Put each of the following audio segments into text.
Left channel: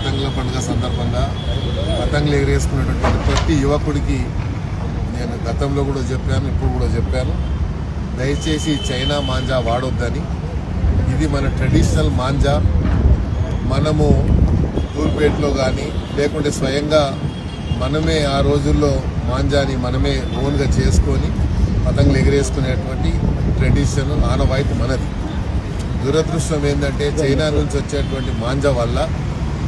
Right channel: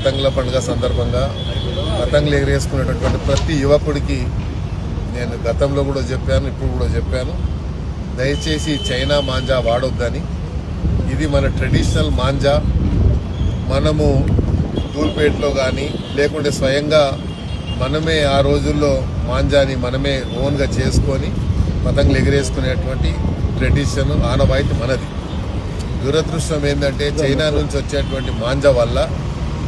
పతంగుల పండుగ సందర్భంగా పతంగులు ఎగరేసుకునేటటువంటి ప్రతి యువకుడికి నేను గతంలో కూడా చెప్పాను, ఇప్పుడు కూడా చెప్పాను, దయచేసి చైనా మాంజా వాడొద్దని. ఇది మన ట్రెడిషనల్ మాంజా. మనము ధూల్పేటలో కానీ లేకుంటే స్వయంగా మనమే ఆ రోజుల్లో మాంజాని మనమే ఓన్గా చేసుకొని పతంగులు ఎగరేసుకునేటువంటి ట్రెడిషన్ ఆనవాయితీ మనది. దురదృష్టం ఏంటంటే చైనా నుంచి వచ్చేటువంటి మాంజా వల్ల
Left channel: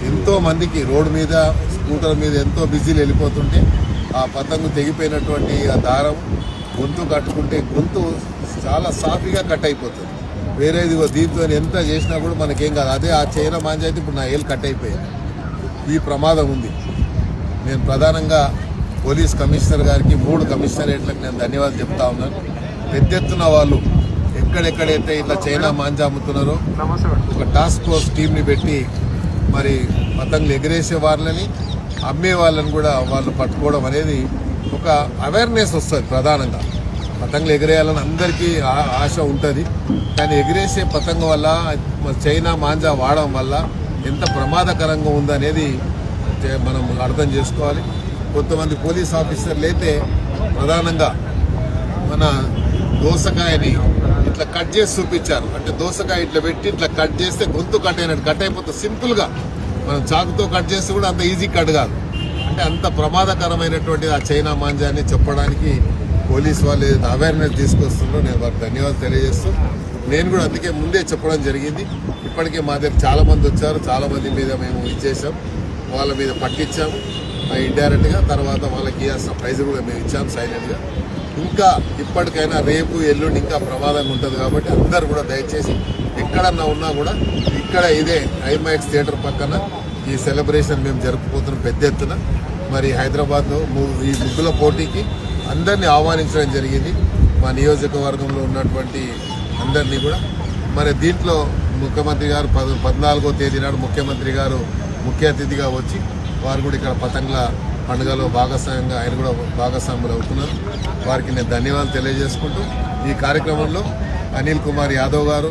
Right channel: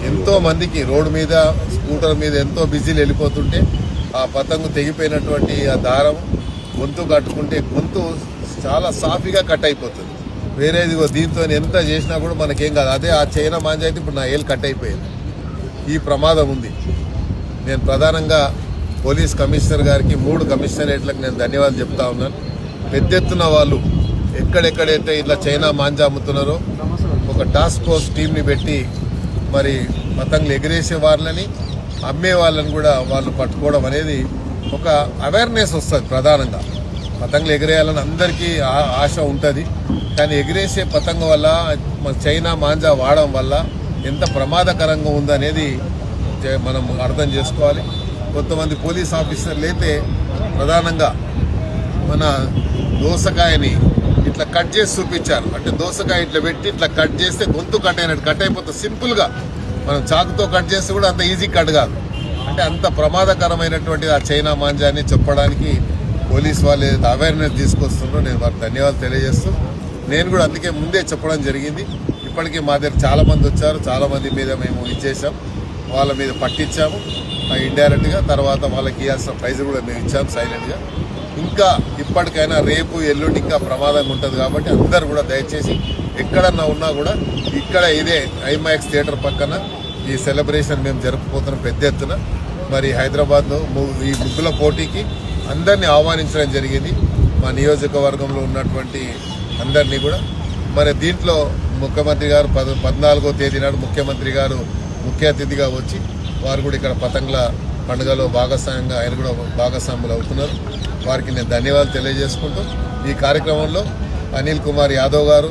ఎంతో మందికి రోడ్డు మీద స్కూటర్ మీద ఎంతో బిజీలు వెళ్ళిపోతుంటే ఆ పతంగు తెగిపోయినటువంటి ఆ దారం గొంతు కట్టుకుంటే గొంతు చాలా సాఫీగా కట్ అయిపోతుంది. వేరేది దీంతో ఎంత చేసినా కూడా మనకేం కాదు. అదే ఆ చైనా మాంజా అయితే ఇప్పుడు నా ఏళ్ళు కట్ అయిపోయింది. ఈ ప్రమాదం ఉంది. నేను ప్రధానంగా పోలీస్ కమిషనర్ గారికి 3 కమిషనరేట్లకు నేను ధన్యవాదాలు చెప్తా ఉన్నాను. పెద్ద ఎత్తున వాళ్ళు ఎక్కడెక్కడైతే ఇట్లా చైనా మాంజా అమ్ముతున్నారో ఒక టాస్క్ ఫోర్స్ టీంని పెట్టి మరి పతంగులు ఎగరేసే వాళ్ళని అమ్మే వాళ్ళని కూడా వాళ్ళు పట్టుకోవడం అనేది ఒక అవేర్నెస్ వస్తుంది. ప్రధానంగా పతంగులు ఎగరేయాలని అందరికీ ఆశ ఉంటుంది, కానీ ఎగిరేసే పతంగం వల్ల చైనా మాంజా వాడడం వల్ల ఎంత ప్రమాదకరంగా ఉందనేది మనం అర్థం చేసుకోవాలి. కొంతమంది పోలీస్ ఆఫీసర్లు అయితే ప్రధానంగా మన దోసకాయని ఇట్లా కట్ చేసి చూపించారు. అంటే దోసకాయ ఇట్లా పెట్టి ఇట్లా కట్ చేస్తే గొంతు కట్ అయినట్టు కట్ అయిపోతుంది. సింపుల్ గా మనం చాకుతో కట్ చేస్తే కూడా అంత ఈజీ కట్ కాదు. అంటే అంత ప్రమాదకరమైనటువంటి ఆ చైనా మాంజాని చెప్పడానికి పోలీస్ వాళ్ళు ఏదైతే అవేర్నెస్ తీసుకొస్తున్నారో నేను వారికి ధన్యవాదాలు తెలియజేస్తూ, నేను కూడా అందుకే ముందే చెప్పడం జరిగింది. ఇప్పటికే మా దగ్గర చాలా మంది వచ్చారు, చాలా మంది మీద మేము ఇచ్చేసాం, వాళ్ళ మీద పట్టించాము ఇండైరెక్ట్ గా. తర్వాత వాళ్ళకి ఇవ్వాల్సిన ప్రైజ్ కూడా మేము ఇచ్చాము సైలెంట్ గా. ఇంకా ఇప్పటికైనా రేపు ఎల్లుండి ఇంకా ప్రమాదంగా ఉంటుంది కాబట్టి అందరు కూడా దయచేసి ఎక్కడన్నా ఉన్నా కూడా ఇక్కడ ఇదే ఐమాక్స్ థియేటర్ పక్కన ఈ సెలబ్రేషన్ మేము జరుపుకుంటున్నాం పెద్ద ఎత్తున. మరి హైదరాబాద్ లో ఈ ముగ్గుల పోటీకి అందరినీ ఆహ్వానించడం జరిగింది, మా నియోజకవర్గంలో ఉన్నటువంటి అందరినీ కూడా. మరి దీంట్లో ముఖ్యమంత్రి గారు 14వ తేదీ నాడు ముఖ్యమంత్రి గారు ముఖ్య అతిథిగా వచ్చి వారు కూడా ఇక్కడ పతంగుల పండుగలో భాగస్వామ్యంగా ఆయన కూడా భాగస్వాములు అవుతున్నారు. వారికి నేను ధన్యవాదాలు తెలియజేసుకుంటూ ఈ కార్యక్రమంలో అనిల్ కుమార్ యాదవ్ గారు,